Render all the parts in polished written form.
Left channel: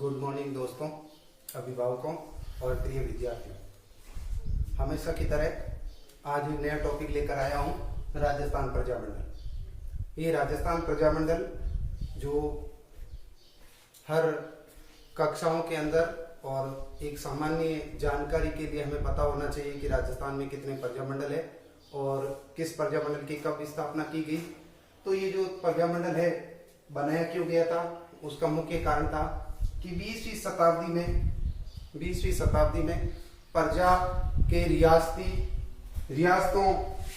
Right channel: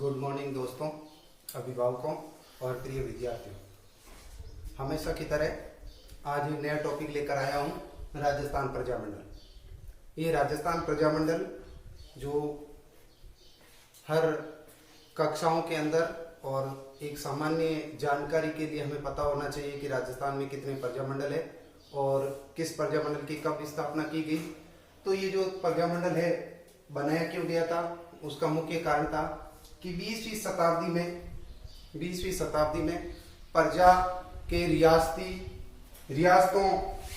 Good morning दोस्तों, अभिभावकों और प्रिय विद्यार्थियों। हमेशा की तरह आज नया टॉपिक लेकर आया हूँ, राजस्थान प्रजामंडल। ये राजस्थान प्रजामंडल जो हर कक्षाओं के अंदर और एक सामान्य जानकारी के लिए हमें पता होना चाहिए कि राजस्थान में कितने प्रजामंडल है और किस प्रजामंडल की कब स्थापना की गई। तो ये जो प्रजामंडल है बनाया क्यों गया था, उसका मुख्य कारण था कि 20वीं शताब्दी में प्रजा के रियासतों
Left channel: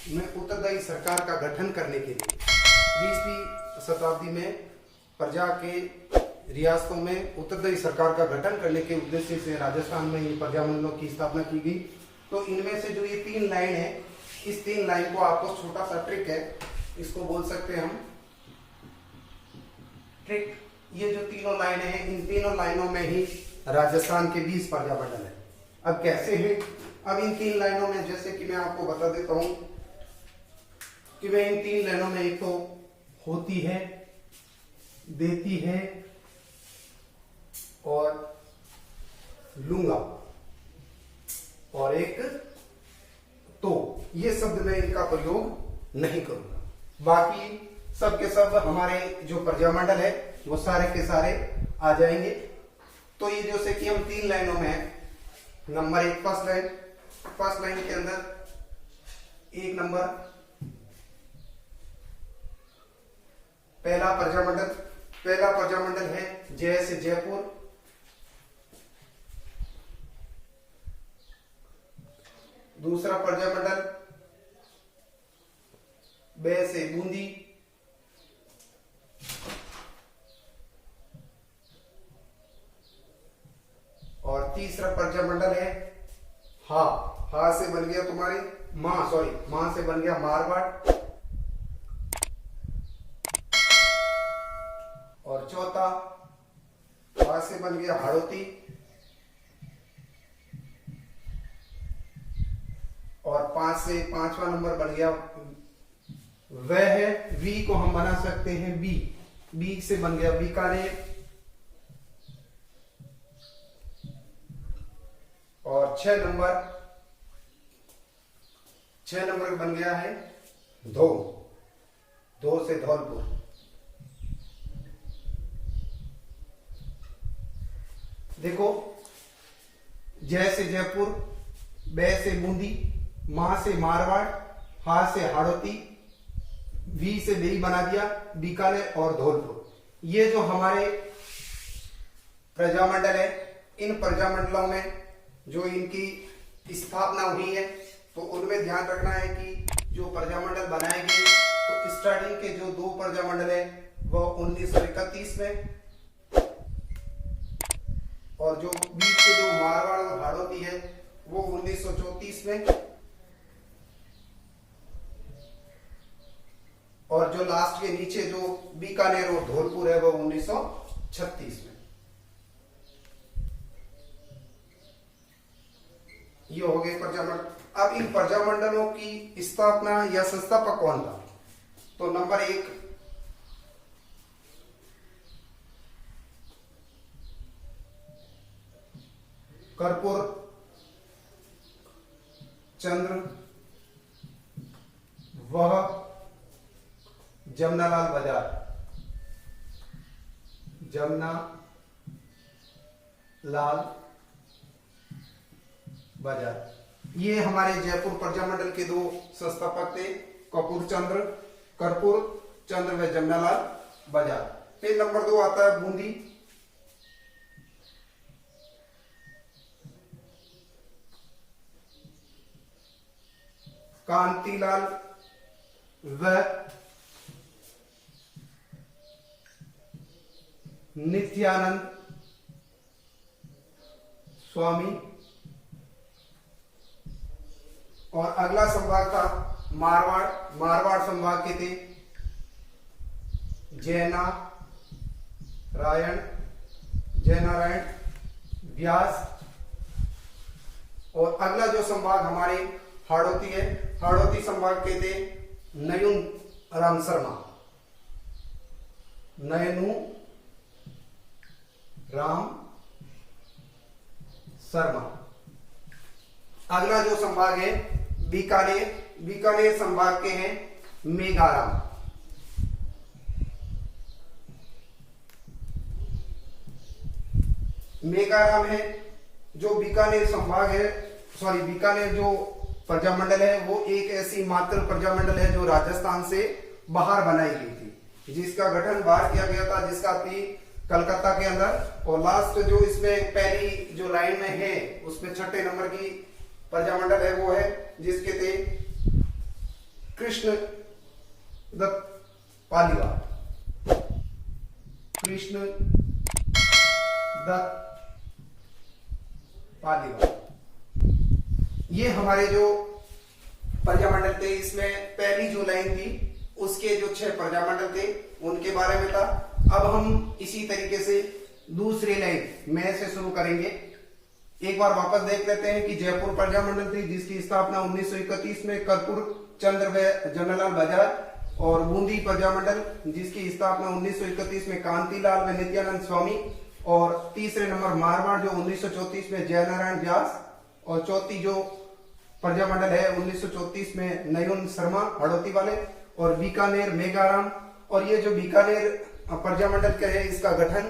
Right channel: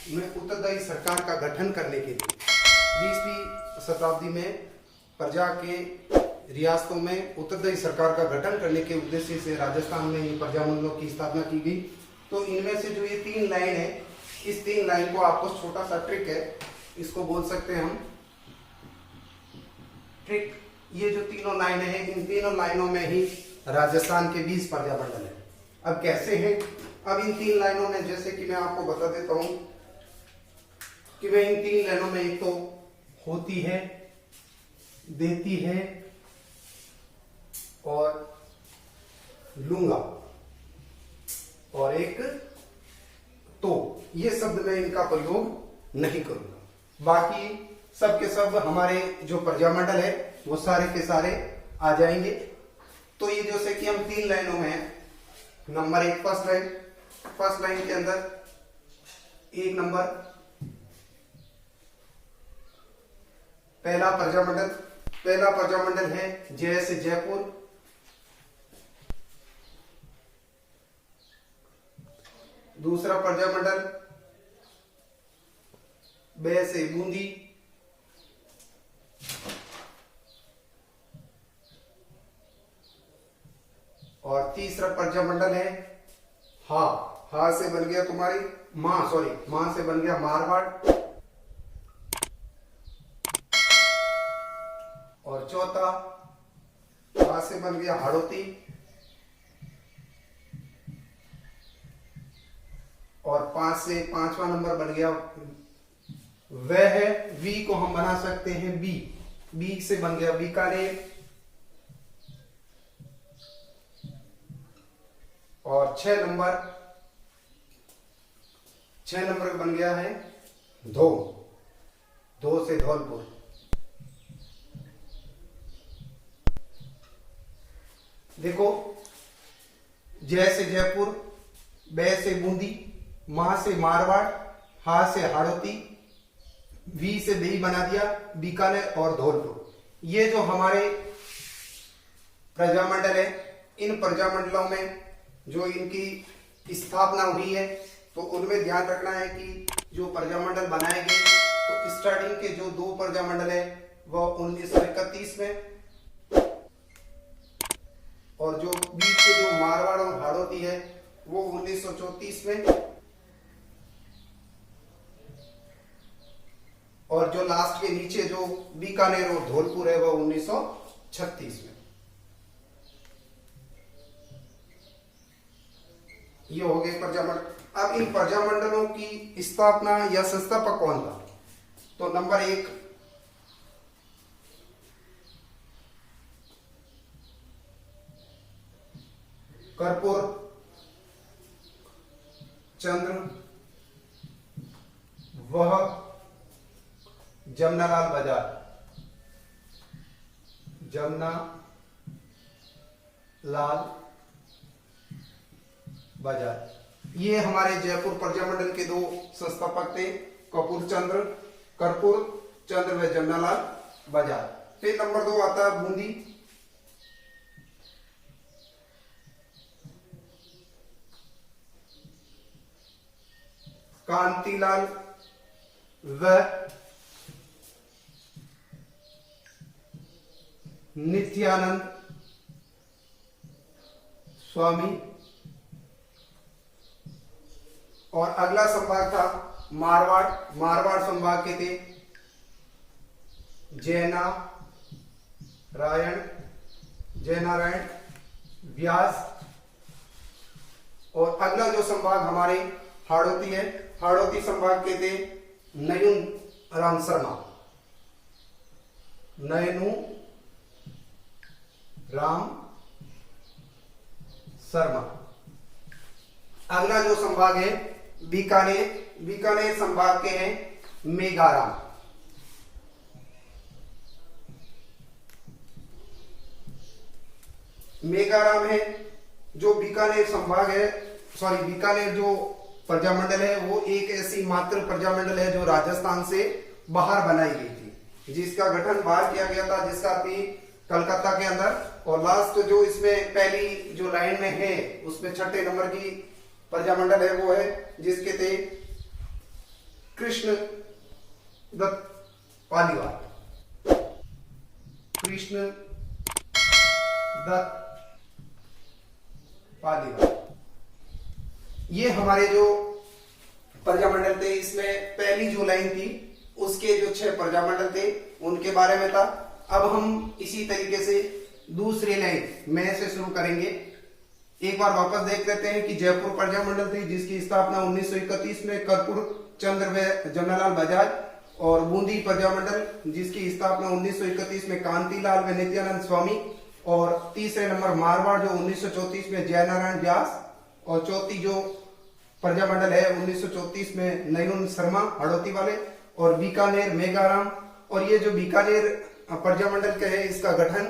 में उत्तरदायी सरकार का गठन करने के लिए 20वीं शताब्दी में प्रजा के रियासतों में उत्तरदायी सरकार का गठन करने के उद्देश्य से राजस्थान में ये प्रजामंडलों की स्थापना की गई। तो इनमें से जो ये 3 लाइन है, इस 3 लाइन को आपको छोटा सा ट्रिक है, इसको बोल सकते हैं हम ट्रिक। ये जो तीनों लाइनें हैं, इन तीनों लाइनों में ही राजस्थान के 20 प्रजामंडल है। अब कैसे हैं? अब इन 3 लाइनों में जैसे कि मैं आपको बता देता हूं कि वे इन 3 लाइनों में एक तो होती है, देती है और लूंगा, और एक तो। ये शब्द मैं इनका प्रयोग नहीं करूंगा। बाकी सब के सब हमारे जो प्रजामंडल है वो सारे के सारे आ जाएंगे। तो ये जैसे कि हम 3 लाइनों में हैं। नंबर 1 फर्स्ट लाइन के अंदर 1 नंबर पहला प्रजामंडल है जय से जयपुर। दूसरा प्रजामंडल ब से बूंदी। और तीसरा प्रजामंडल है हा से बन गया तुम्हारी मां से बन गया मारवाड़। और चौथा हा से बन गया हाड़ौती। और 5वां नंबर बन गया वह है, वी को हम बना सकते हैं बी से बन गया बीकानेर। और 6 नंबर बन गया है धो से धौलपुर। देखो, जय से जयपुर, ब से बूंदी, मां से मारवाड़, हा से हाड़ौती, वी से बेई बना दिया बीकानेर और धौलपुर। ये जो हमारे प्रजामंडल है, इन प्रजामंडलों में जो इनकी स्थापना हुई है, तो उनमें ध्यान रखना है कि जो प्रजामंडल बनाए गए, तो स्टार्टिंग के जो 2 प्रजामंडल है वो 1931 में, और जो बीच के जो मारवाड़ और हाड़ौती है वो 1934 में, और जो लास्ट के नीचे जो बीकानेर और धौलपुर है वो 1936 में। ये हो गए प्रजामंडल। अब इन प्रजामंडलों की स्थापना या संस्थापक कौन था? तो नंबर 1 कर्पूर चंद्र, वह जमनालाल बजाज। ये हमारे जयपुर प्रजामंडल के 2 संस्थापक थे, कर्पूर चंद्र व जमनालाल बजाज। फिर नंबर 2 आता है बूंदी। कांतिलाल व नित्यानंद स्वामी। और अगला संभाग था मारवाड़ संभाग के थे जयनारायण व्यास। और अगला जो संभाग हमारे हाड़ौती है, हाड़ौती संभाग के थे नयन राम शर्मा, नयनू राम शर्मा। अगला जो संभाग है बीकानेर, बीकानेर संभाग के हैं मेघाराम। मेघाराम है जो बीकानेर संभाग है, सॉरी बीकानेर जो प्रजामंडल है वो एक ऐसी मात्र प्रजामंडल है जो राजस्थान से बाहर बनाई गई थी, जिसका गठन बाहर किया गया था, जिसका अभी कलकत्ता के अंदर। और लास्ट जो इसमें पहली जो लाइन में है उसमें छठे नंबर की प्रजामंडल है वो है जिसके थे कृष्ण दत्त पालीवाल। कृष्ण दत्त पालीवाल ये हमारे जो प्रजामंडल थे, इसमें पहली जो लाइन थी उसके जो 6 प्रजामंडल थे उनके बारे में था। अब हम इसी तरीके से दूसरी लाइन में से शुरू करेंगे। एक बार वापस देख लेते हैं कि जयपुर प्रजामंडल थी जिसकी स्थापना 1931 में कर्पूर चंद्र जन्नलाल बजाज, और बूंदी प्रजामंडल जिसकी स्थापना 1931 में कांतिलाल व नित्यानंद स्वामी, और तीसरे नंबर मारवाड़ जो 1934 में जयनारायण व्यास, और चौथी जो प्रजामंडल है 1934 में नयन शर्मा हड़ौती वाले, और बीकानेर मेघाराम। और ये जो बीकानेर प्रजामंडल का है इसका गठन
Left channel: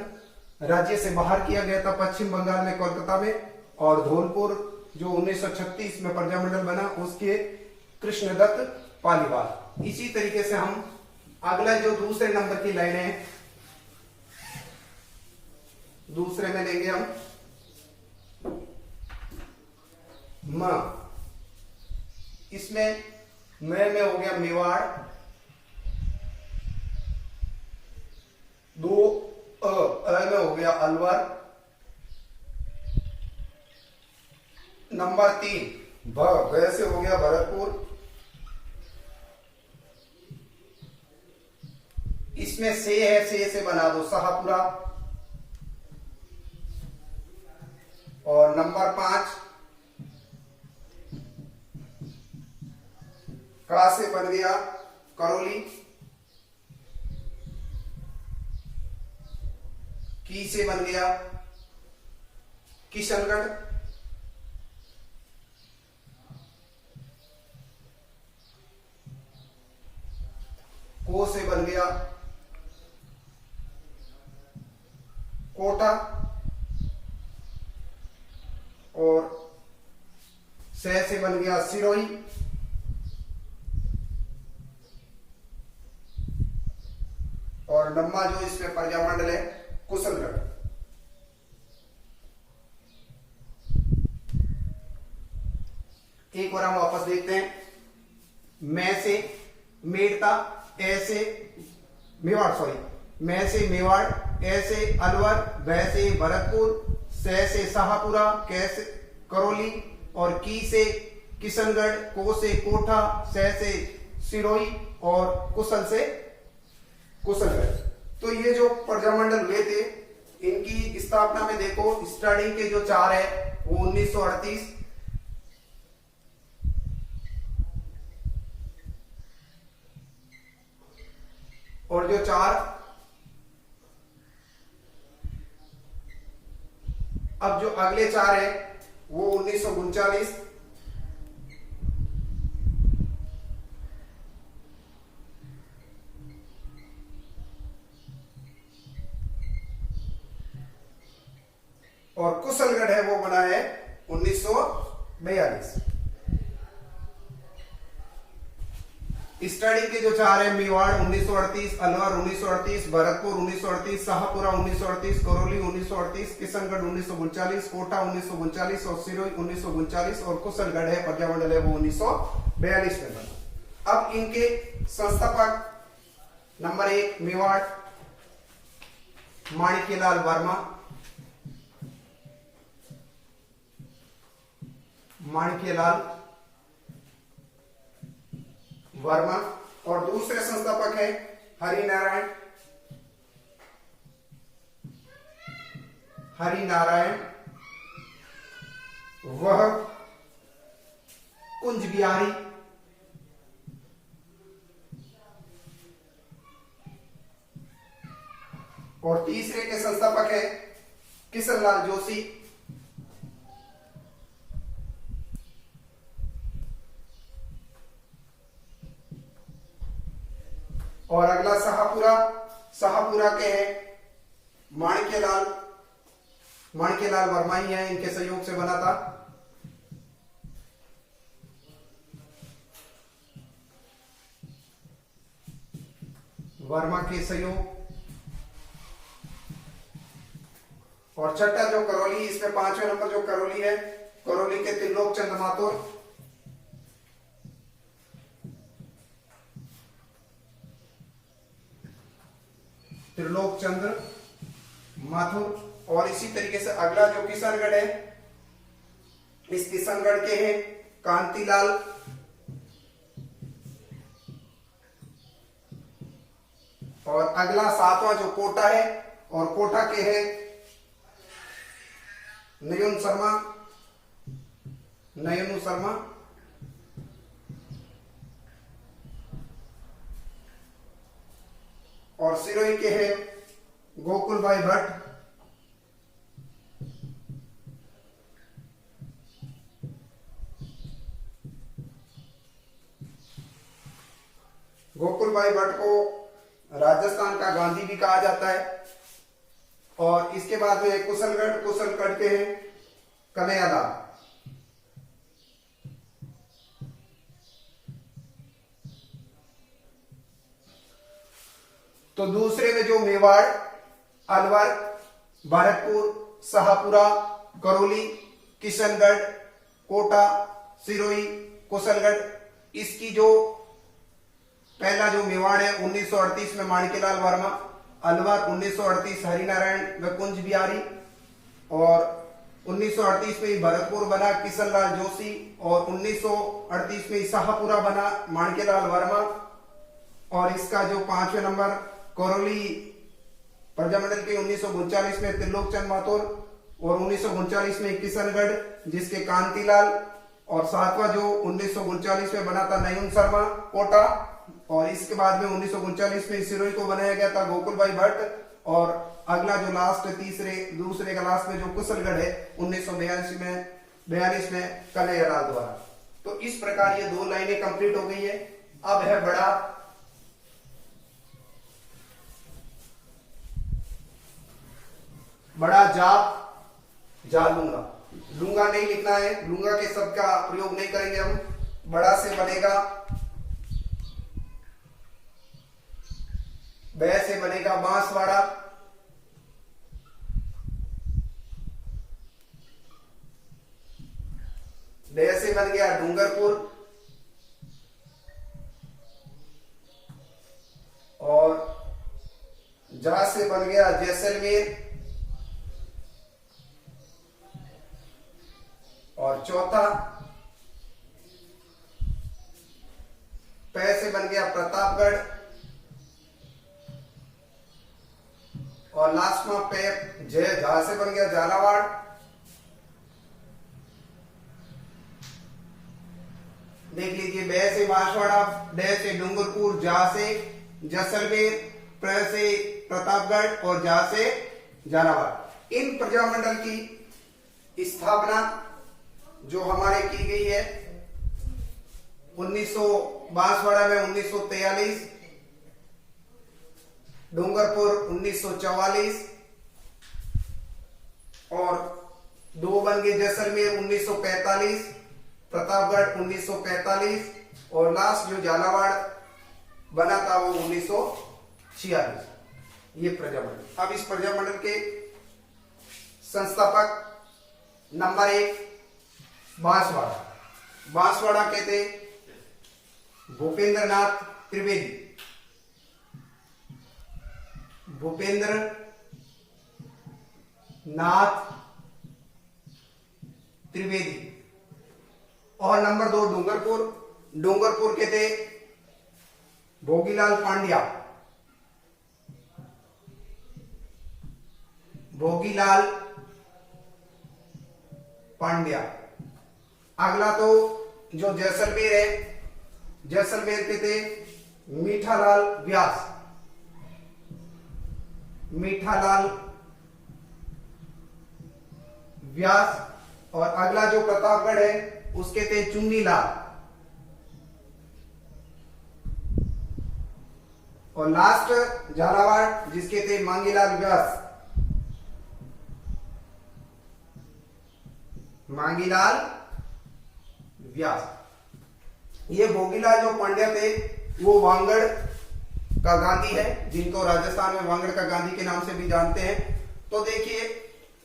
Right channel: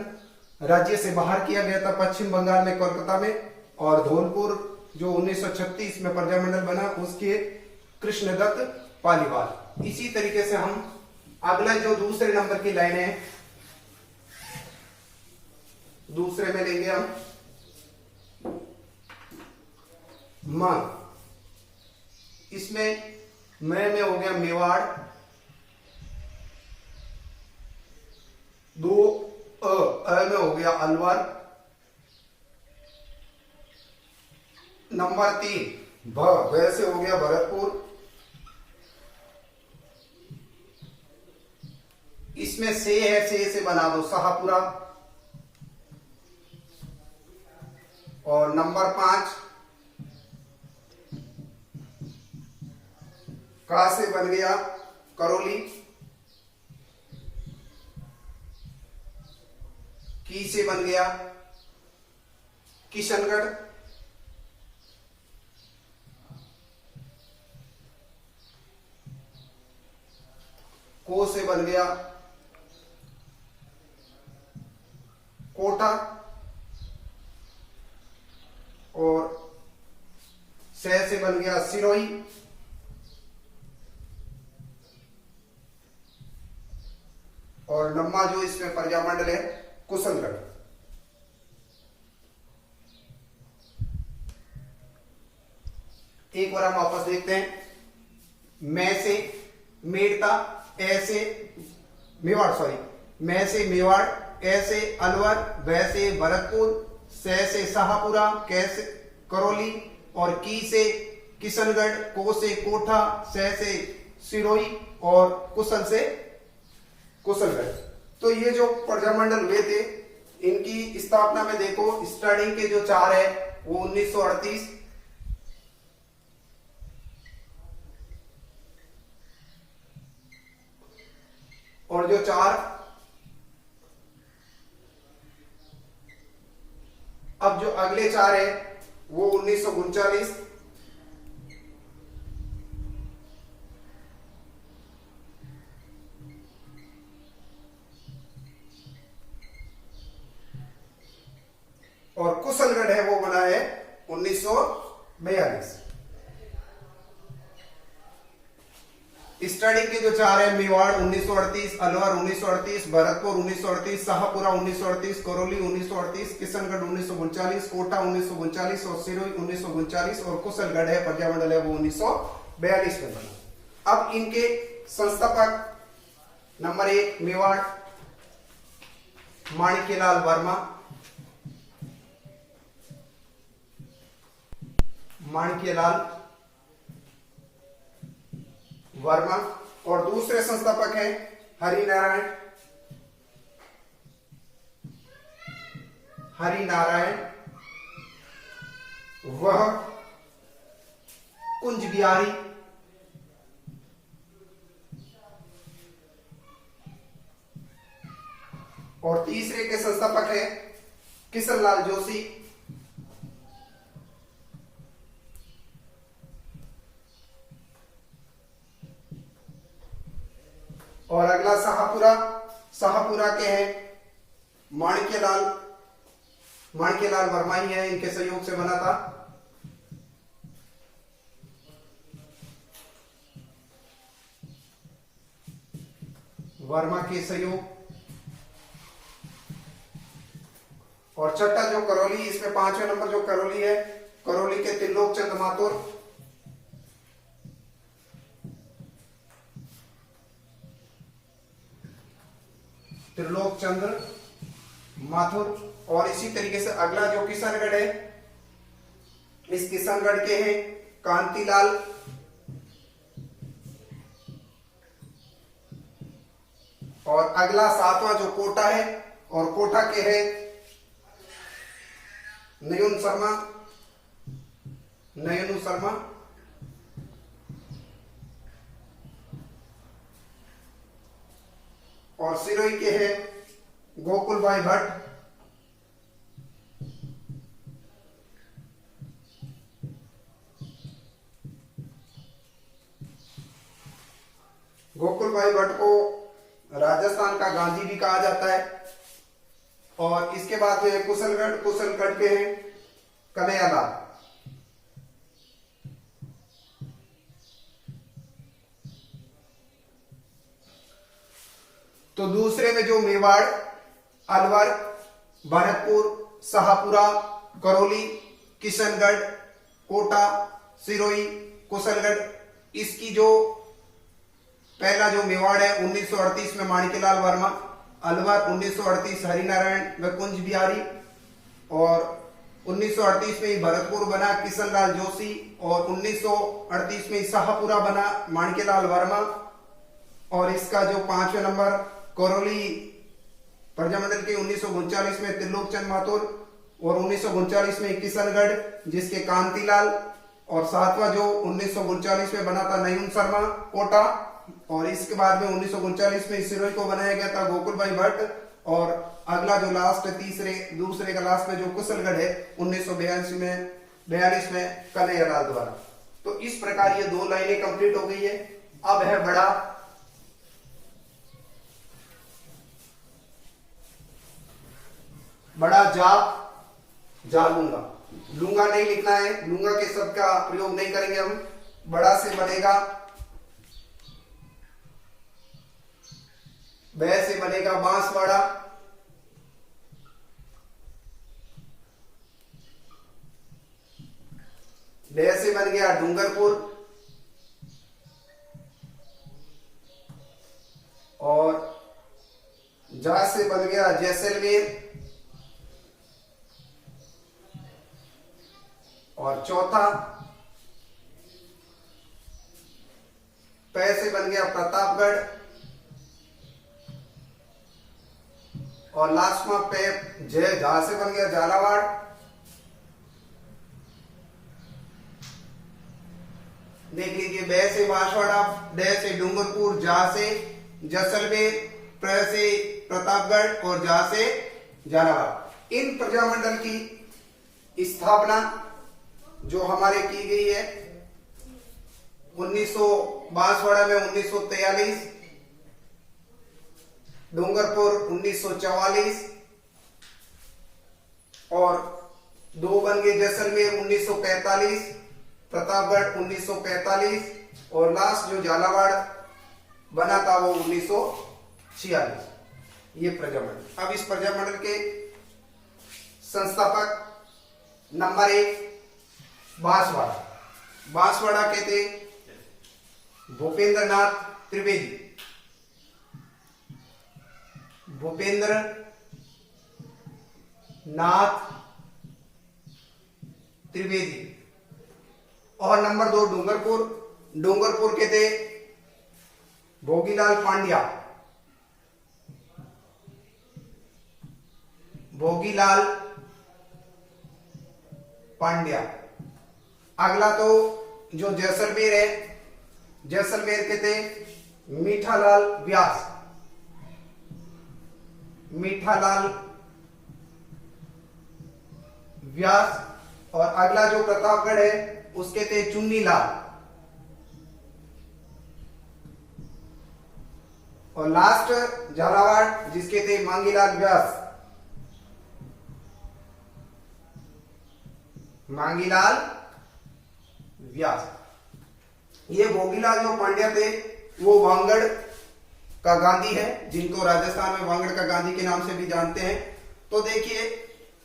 राज्य से बाहर किया गया था पश्चिम बंगाल में कोलकाता में, और धौलपुर जो 1936 में प्रजामंडल बना उसके कृष्णदत्त पालीवाल। इसी तरीके से हम अगला जो दूसरे नंबर की लाइन है दूसरे में लेंगे हम म। इसमें में हो गया मेवाड़, दो अ में हो गया अलवर, नंबर 3 भ से हो गया भरतपुर, इसमें से है से बना दो शाहपुरा, और नंबर 5 का से बन गया करौली, की से बन गया किशनगढ़, को से बन गया कोटा, और से बन गया सिरोही, और नम्मा जो इसमें प्रजामंडल है कुशलगढ़। एक बार हम वापस देखते हैं। मैं से मेड़ता, ऐसे मेवाड़, सॉरी मैं से मेवाड़, ऐसे अलवर, वै से भरतपुर, से शाहपुरा, कै से करौली, और की से किशनगढ़, को से कोठा, से सिरोही, और कुशल से कुशलगढ़। तो ये जो प्रजामंडल हुए थे इनकी स्थापना में देखो स्टार्टिंग के जो 4 है वो 1938, और जो 4 अब जो अगले 4 है वो 1939, और कुशलगढ़ है वो बना है 1942। स्टार्टिंग के जो 4 है मेवाड़ 1938, अलवर 1938, भरतपुर 1938, शाहपुरा 1938, करौली 1938, किशनगढ़ 1939, कोटा 1939, और सिरोही 1939, और कुशलगढ़ है प्रजामंडल है वो 1942 में बना। अब इनके संस्थापक नंबर 1 मेवाड़ माणिक्यलाल वर्मा, माणिक्यलाल वर्मा, और दूसरे संस्थापक हैं हरिनारायण वह कुंज बिहारी, और तीसरे के संस्थापक है किशनलाल जोशी, और अगला शाहपुरा, शाहपुरा के हैं माणिक्यलाल वर्मा ही है, इनके सहयोग से बना था। वर्मा के सहयोग। और छठा जो करौली, इसमें 5वें नंबर जो करौली है, करौली के त्रिलोक चंद माथुर। त्रिलोक चंद्र माथुर। और इसी तरीके से अगला जो किशनगढ़ है, इस किशनगढ़ के हैं कांतिलाल। और अगला 7वां जो कोटा है, और कोटा के हैं नयन शर्मा। और सिरोही के हैं गोकुल भाई भट्ट। गोकुल भाई भट्ट को राजस्थान का गांधी भी कहा जाता है। और इसके बाद में कुशलगढ़ के हैं कन्हैयालाल। तो दूसरे में जो मेवाड़, अलवर, भरतपुर, शाहपुरा, करौली, किशनगढ़, कोटा, सिरोही, कुशलगढ़, इसकी जो पहला जो मेवाड़ है 1938 में माणिक्यलाल वर्मा, अलवर 1938 हरिनारायण व कुंज बिहारी, और 1938 में भरतपुर बना किशनलाल जोशी, और 1938 में शाहपुरा बना माणिक्यलाल वर्मा। और इसका जो 5वें नंबर करौली प्रजामंडल के 1939 में त्रिलोक चंद माथुर, और 1939 में किशनगढ़ जिसके कांतिलाल, और 7वां जो 1939 में बना था नयन शर्मा कोटा, और इसके बाद में 1939 में सिरोही को बनाया गया था गोकुल भाई भट्ट। और अगला जो लास्ट दूसरे का लास्ट में जो कुशलगढ़ है 1942 में कन्हैयालाल द्वारा। तो इस प्रकार ये 2 लाइनें कंप्लीट हो गई है। अब है बड़ा जा लूंगा नहीं लिखना है, लूंगा के शब्द का प्रयोग नहीं करेंगे हम। बड़ा से बनेगा, ब से बनेगा बांसवाड़ा, ड से बन गया डूंगरपुर, और जा से बन गया जैसलमेर, और चौथा प से बन गया प्रतापगढ़, और लास्ट में पे झा से बन गया झालावाड़, देख लीजिए। ब से बांसवाड़ा, ड से डूंगरपुर, जा से जैसलमेर, प्र से प्रतापगढ़, और जा से झालावाड़। इन प्रजामंडल की स्थापना जो हमारे की गई है 1922 में 1943, डूंगरपुर 1944, और 2 बन गए जैसलमेर 1945, प्रतापगढ़ 1945, और लास्ट जो झालावाड़ बना था वो 1946। ये प्रजामंडल। अब इस प्रजामंडल के संस्थापक नंबर 1 बांसवाड़ा कहते भूपेंद्र नाथ त्रिवेदी। भूपेंद्र नाथ त्रिवेदी। और नंबर 2 डूंगरपुर के थे भोगीलाल पांड्या। भोगीलाल पांड्या। अगला तो जो जैसलमेर है, जैसलमेर के थे मीठालाल व्यास। मीठालाल व्यास। और अगला जो प्रतापगढ़ है उसके थे चुन्नीलाल। और लास्ट झालावाड़ जिसके थे मांगीलाल व्यास। मांगीलाल व्यास। ये भोगीलाल जो पांड्या थे वो वांगड़ का गांधी है, जिनको राजस्थान में वांगड़ का गांधी के नाम से भी जानते हैं। तो देखिए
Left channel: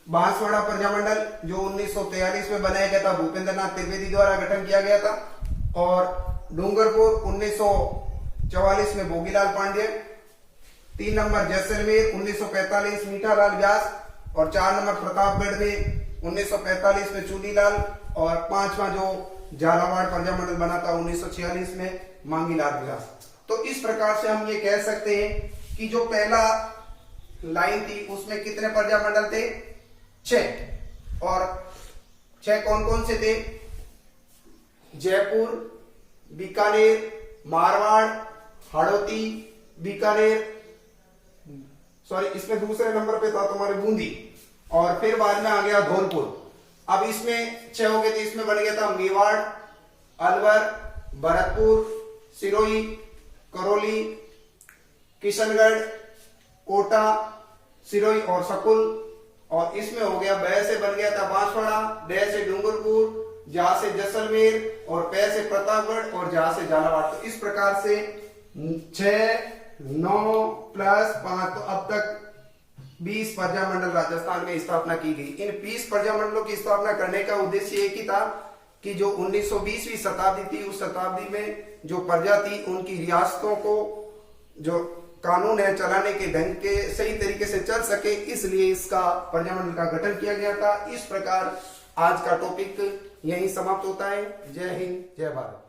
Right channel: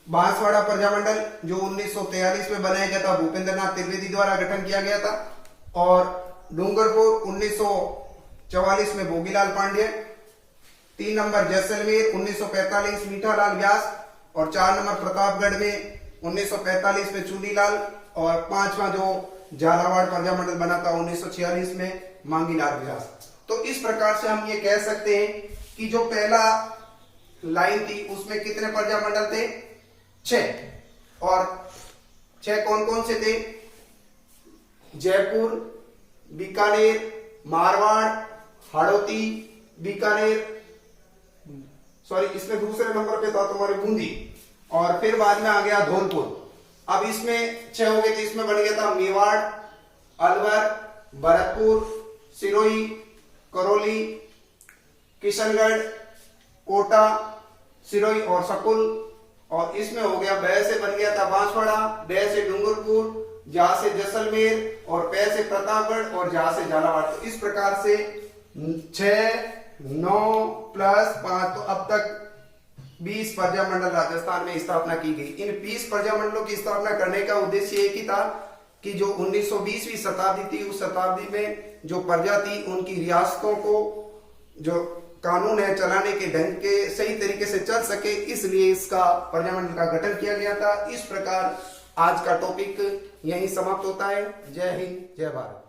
बांसवाड़ा प्रजामंडल जो 1943 में बनाया गया था, भूपेंद्र नाथ त्रिवेदी द्वारा गठन किया गया था। और डूंगरपुर 1944 में भोगीलाल पांड्य। 3 नंबर जैसलमेर 1945 मीठालाल व्यास। और 4 नंबर प्रतापगढ़ में 1945 में चूनीलाल। और 5वां जो झालावाड़ प्रजामंडल बना था 1946 में मांगीलाल व्यास। तो इस प्रकार से हम ये कह सकते हैं कि जो पहला लाइन थी उसमें कितने प्रजामंडल थे? 6। और 6 कौन कौन से थे? जयपुर, बीकानेर, मारवाड़, हाड़ौती, बीकानेर, सॉरी इसमें दूसरे नंबर पे था तुम्हारे बूंदी। और फिर बाद में आ गया धौलपुर। अब इसमें 6 हो गए थे, इसमें बन गया था मेवाड़, अलवर, भरतपुर, सिरोही, करौली, किशनगढ़, कोटा, सिरोही और सकुल। और इसमें हो गया ब से बन गया था बांसवाड़ा, ड से डूंगरपुर, जा से जैसलमेर और प से प्रतापगढ़ और जा से झालावाड़। तो इस प्रकार से 6, 9 प्लस 5 तो अब तक 20 प्रजामंडल राजस्थान में स्थापना की गई। इन 20 प्रजामंडलों की स्थापना करने का उद्देश्य एक ही था कि जो 1920वीं शताब्दी थी उस शताब्दी में जो प्रजा थी उनकी रियासतों को जो कानून है चलाने के ढंग के सही तरीके से चल सके, इसलिए इसका प्रजामंडल का गठन किया गया था। इस प्रकार आज का टॉपिक यहीं समाप्त होता है। जय हिंद, जय भारत।